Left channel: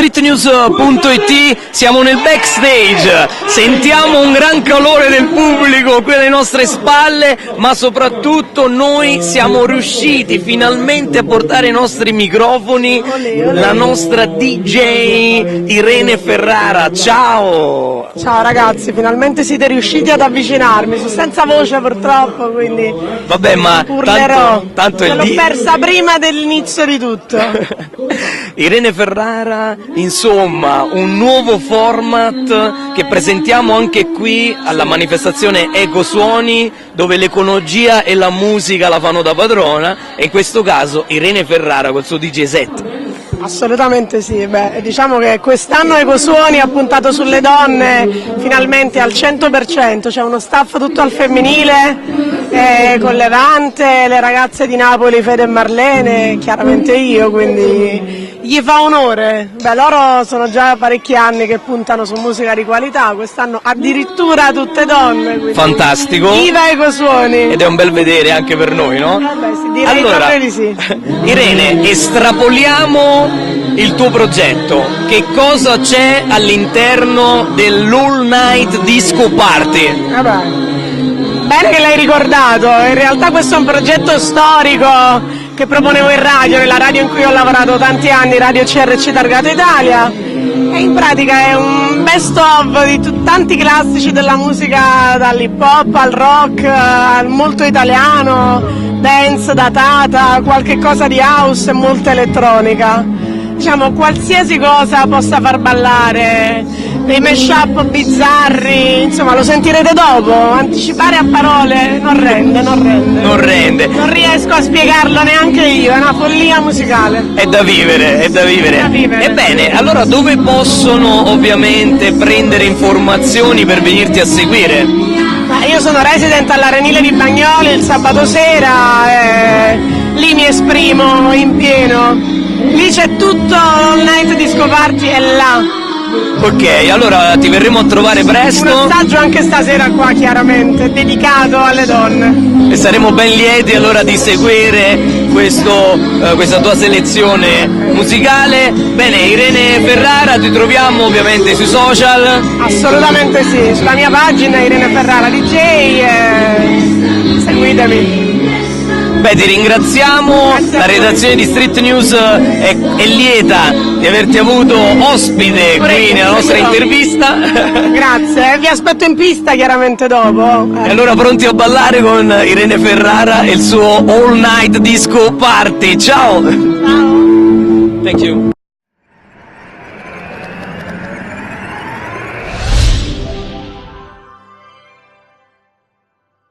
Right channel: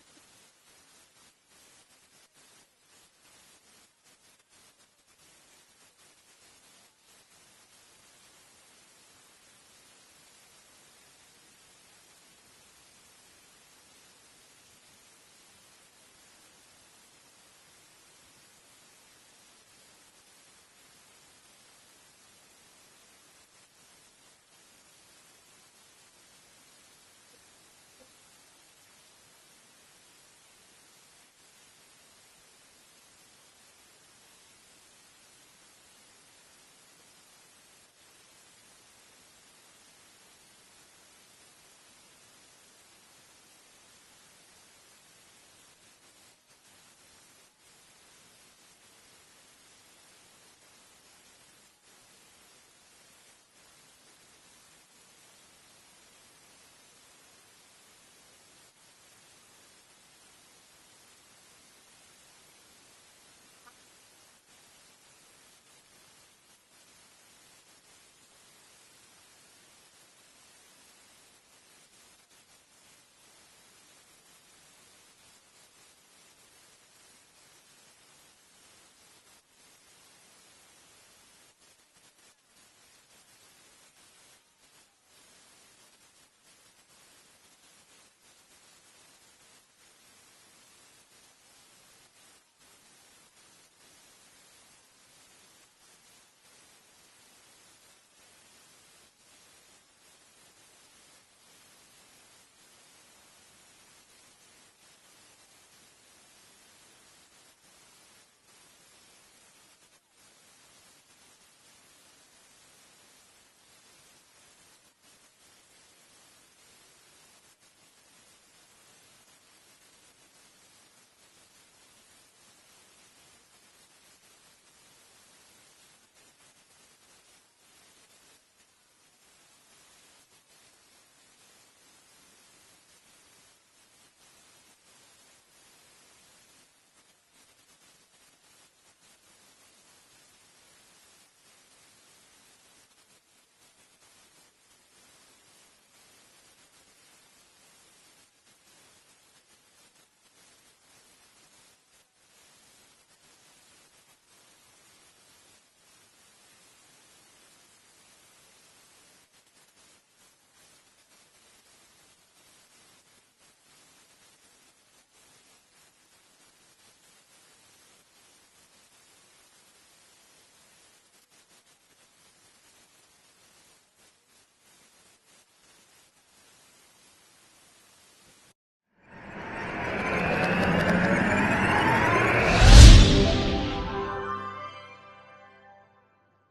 streetnews.it, siamo nel backstage, sentiamo un gran calore del pubblico qui alle nostre spalle, ma soprattutto noi siamo riusciti finalmente a portare i nostri microfoni, la nostra DJ Irene Ferrara. Ciao! Ciao ragazzi, finalmente siete riusciti ad avvicinarmi, sono senza voce purtroppo, quindi vabbè, ma urlerò. tanto l'ho persa prima dell'inizio di tutto. Irene Ferrara, insomma, un nuovo format che presentiamo anche qui alla manifestazione Ecosuoni, dove l'ecologia e la musica la fanno da padrona, e in questo caso Irene Ferrara col suo DJ set. Assolutamente sì, diciamo che quest'anno Ecosuoni ha puntato sulle donne finalmente al 100%, c'è uno staff tutto al femminile, con Levante, le ragazze di Napoli, Fede e Marlene, chiaramente io, quindi gli fa onore. Loro sono già parecchi anni che puntano su musica di qualità, quest'anno addirittura tutte donne. Quindi fantastico! Viva Ecosuoni! Ed è un bel vedere anche per noi, no? Sì, direi proprio di sì. Irene, estrapoliamo il tuo progetto. Che cosa c'è all'interno dell'All Night Disco Party? Bene che l'hai ricordato, in realtà questo è un progetto storico che proponevo in radio, nella radio in cui ho lavorato tanti anni, Radio CRC Targato Italia, e in pratica è un best of di tanti classici della musica, dall'hip hop al rock, al molto italiano, dance, datata, qualche cosa di house e molta elettronica. Diciamo qualsiasi cosa possa far ballare, dei mashup bizzarri, insomma lo sentirete dopo, anticipare a parole non rende. Non riesco a spiegarlo neanche io, è una follia musicale. È da vivere. Ebbene, allora dove possono ovviamente prendere informazioni per venirti a seguire? Io sono resident all'Arenile di Bagnoli il sabato sera, lì mi esprimo in pieno. Lì c'è tutto, All Night Disco Party è là. Ok, allora ti verremo a trovare presto. Un assaggio anche stasera qua, chiaramente, dedicato alle donne. E saremo ben lieti allora di seguire questa tua selezione musicale. Bene, Irene Ferrara, ti troviamo ovviamente sui social. Assolutamente sì, sulla mia pagina Irene Ferrara DJ, seguitemi. Ti ringraziamo, la redazione di Street News è lieta di averti avuto ospite qui nella nostra intervista. Grazie, vi aspetto in pista chiaramente dopo. E allora pronti a ballare con Irene Ferrara e il suo All Night Disco Party. Ciao! Ciao! Thank you.